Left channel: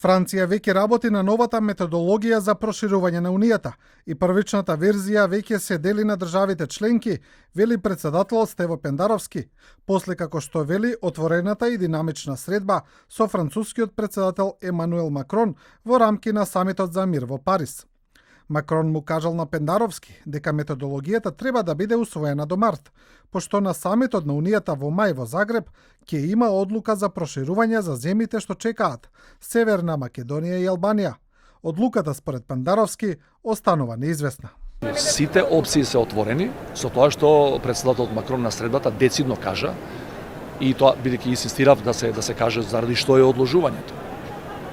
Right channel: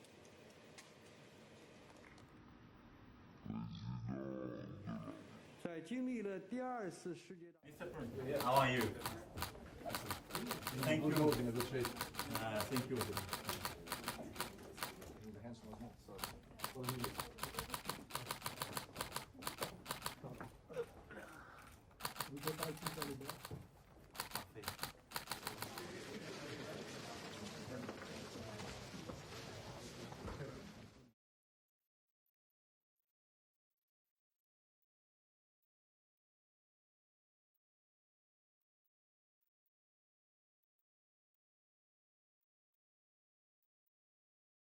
Франција веќе работи на новата методологија за проширување на Унијата и првичната верзија веќе се дели на државите членки, вели претседателот Стево Пендаровски, после како што вели отворената и динамична средба со францускиот претседател Емануел Макрон во рамки на самитот за мир во Париз. Макрон му кажал на Пендаровски дека методологијата треба да биде усвоена до март, пошто на самитот на Унијата во мај во Загреб ќе има одлука за проширување за земјите што чекаат Северна Македонија и Албанија. Одлуката според Пендаровски останува неизвестна. Сите опции се отворени со тоа што претседателот Макрон на средбата децидно кажа и тоа бидејќи инсистирав да се каже заради што е одложувањето.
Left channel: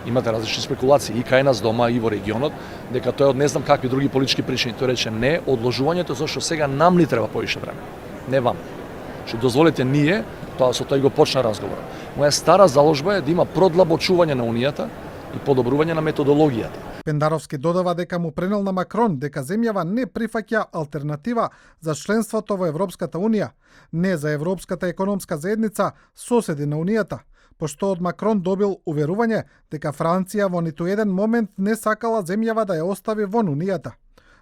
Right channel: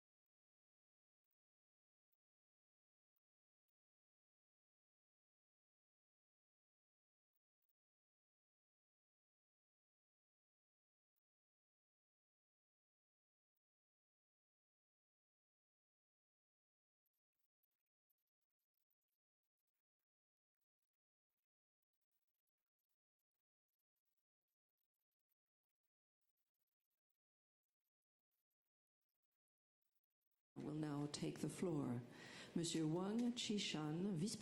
Имате различни спекулации и кај нас дома и во регионот дека тоа е од не знам какви други политички причини. Тој рече не, одложувањето зашто сега нам ни треба повише време, не вам. Што дозволите ние, тоа со тој го почна разговор. Моја стара заложба е да има продлабочување на Унијата и подобрување на методологијата. Пендаровски додава дека му пренел на Макрон дека земјава не прифаќа алтернатива за членството во Европската Унија, не за Европската економска заедница, соседи на Унијата, пошто од Макрон добил уверување дека Франција во ниту еден момент не сакала земјава да ја остави вон Унијата.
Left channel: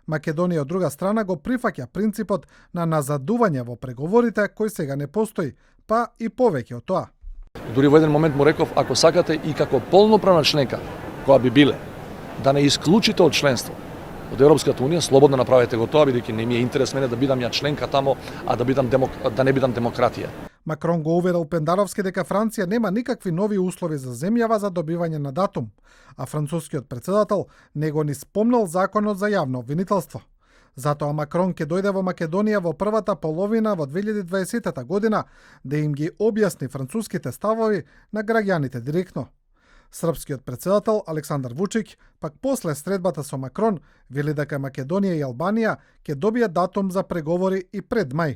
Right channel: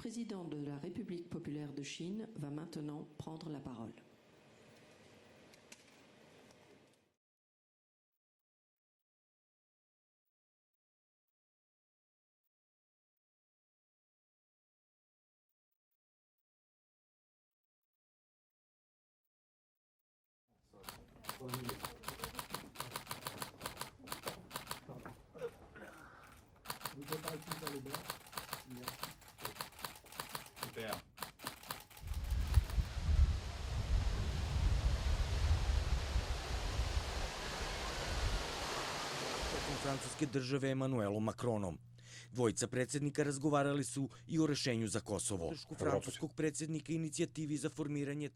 Македонија од друга страна го прифаќа принципот на назадување во преговорите кој сега не постои, па и повеќе од тоа. Дури во еден момент му реков, ако сакате и како полноправна членка, која би биле, да не исклучите од членство од Европската Унија, слободно направете го тоа, бидејќи не ми е интерес мене да бидам ја членка тамо, а да не бидам демократија. Макрон го уверил Пендаровски дека Франција нема никакви нови услови за земјава за добивање на датум, а францускиот претседател не го ни спомнал законот за јавно обвинителство. Затоа Макрон ќе дојде во Македонија во првата половина во 2020 година да им ги објасни француските ставови на граѓаните директно. Српскиот претседател Александар Вучиќ пак после средбата со Макрон вели дека Македонија и Албанија ќе добијат датум за преговори и пред мај.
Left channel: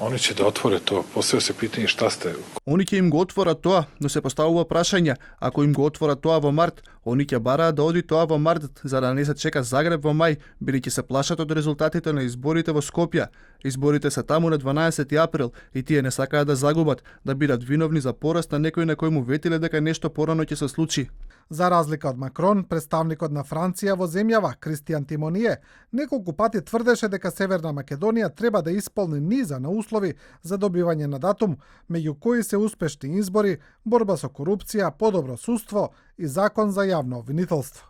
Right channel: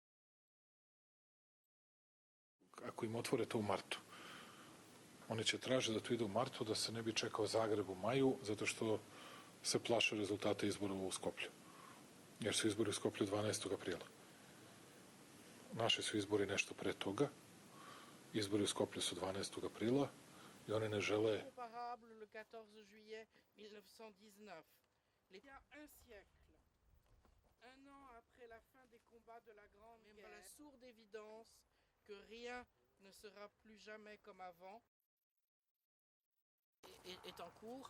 Они ќе да отворе тоа, после се питање шта сте. Они ќе им го отворат тоа, но се поставува прашање. Ако им го отворат тоа во март, они ќе бараат да оди тоа во март, за да не се чека Загреб во мај, бидејќи се плашат од резултатите на изборите во Скопје. Изборите се таму на 12 април и тие не сакаат да загубат, да бидат виновни за пораст на некој на кој му ветиле дека нешто порано ќе се случи. За разлика од Макрон, представникот на Франција во земјава, Кристијан Тимоние, неколку пати тврдеше дека Северна Македонија треба да исполни низа на услови за добивање на датум, меѓу кои се успешни избори, борба со корупција, подобро судство и закон за јавно обвинителство.